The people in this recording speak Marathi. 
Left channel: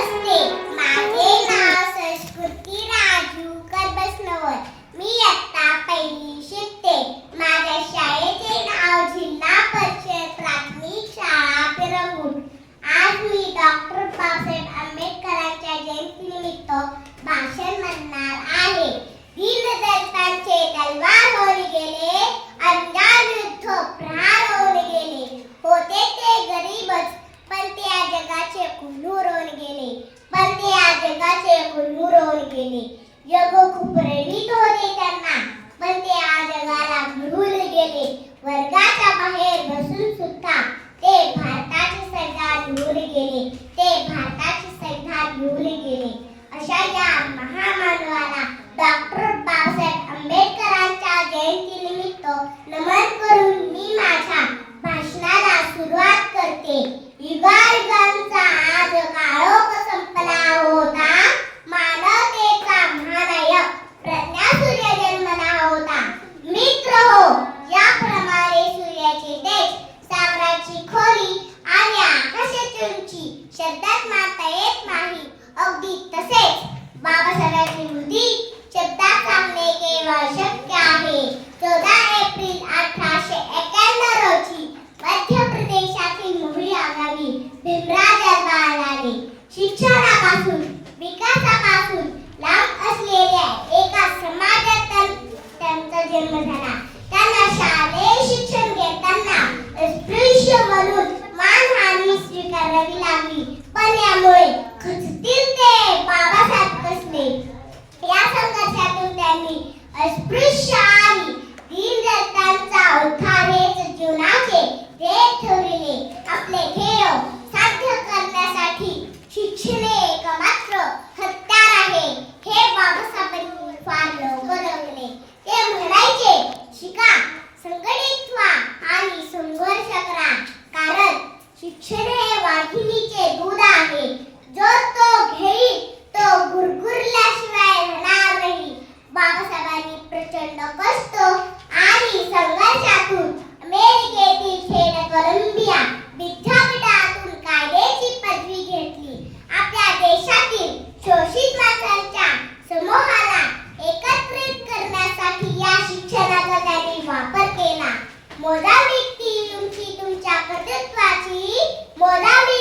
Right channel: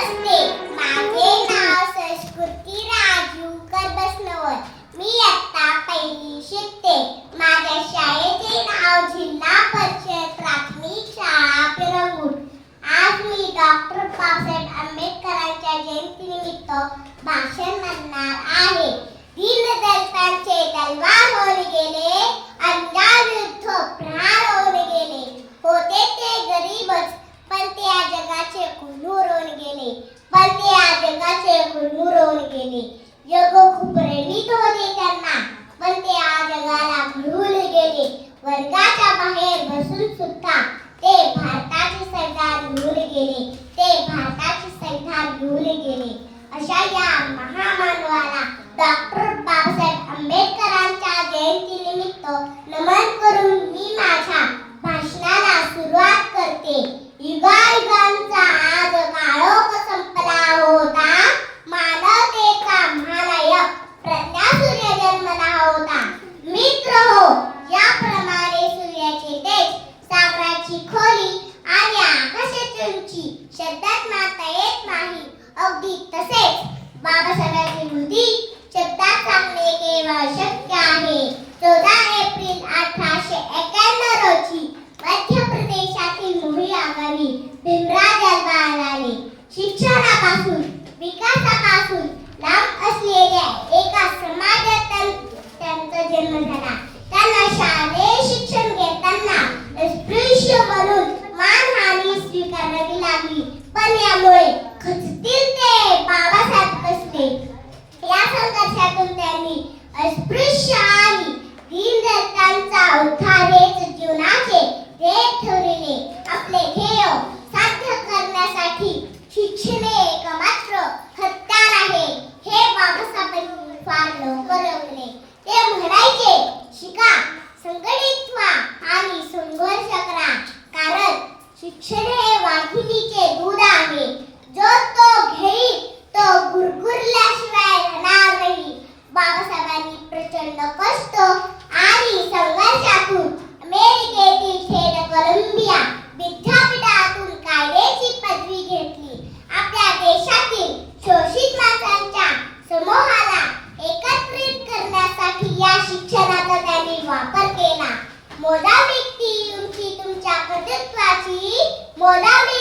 नमस्ते, माझे नाव संस्कृती राजू करबसनवर. मी इयत्ता पहिली शिकते. माझ्या शाळेचे नाव जिल्हा परिषद प्राथमिक शाळा पिरंगुट. आज मी डॉक्टर बाबासाहेब आंबेडकरांच्या जयंतीनिमित्त भाषण म्हणणार आहे. दीनदलितांचे तलवार होऊन गेले, अन्यायाविरुद्ध प्रहार होऊन गेले. होते ते गरीबच, पण ते या जगाचे कोल्हूर होऊन गेले. जग खूप प्रेरित होते त्यांना, पण ते या जगाला भुलून गेले. वर्गाच्या बाहेर बसून सुद्धा ते भारताचे संविधान घेऊन गेले. अशा या महामानवाला डॉक्टर बाबासाहेब आंबेडकरांच्या जयंतीनिमित्त नमन करून मी माझ्या भाषणाला सुरुवात करते. युगायुगांचा आज काळोख संपला होता, मानवतेचा महानायक प्रज्ञासूर्य जन्मला होता. मित्रहो, याप्रमाणे सूर्याचे तेज, सागराची खोली आणि आकाशाची उंची शब्दात मानता येत नाही. अगदी तसेच बाबासाहेबांची कृती शब्दात सांगणे केवळ शक्य आहे. 14 एप्रिल 1891 रोजी मध्य प्रदेशातील मोहिया गावी भीमराव जन्माला आले. शिक्षणापासून विकासापासून लांब असलेल्या एका समाजात त्यांचा जन्म झाला. त्यांना शालेय शिक्षण घेताना अस्पृश्य म्हणून मानहानी स्वीकारावी लागली, पण यामुळे खचतील ते बाबासाहेब बसले. या संघर्षातून त्यांनी अस्पृश्य आणि दीनदलितांचा उद्धार हेच जीवनाचे ध्येय ठरविले. आपले ध्येय साध्य करण्यासाठी शिक्षण हे एकमात्र हत्यार आहे, हे बाबासाहेबांनी फार लवकर ओळखले. ते म्हणायचे, शिका, संघटित व्हा आणि संघर्ष करा, कारण शिक्षण हे वाघिणीचे दूध आहे. जो तो घेईल तो गुरगुरल्याशिवाय राहणार नाही. बाबासाहेबांनी प्रचंड कष्ट आणि संघर्षातून अमेरिकेतील थेट कोलंबिया विद्यापीठातून कायद्याची पदवी घेतली. आपल्या देशातील शोषित माणसांच्या समूहाला एकत्रित करण्यासाठी या शिक्षणाचा त्यांनी वापर केला. मोजावी ती उंची तुमच्या कर्तृत्वाची, मोजावी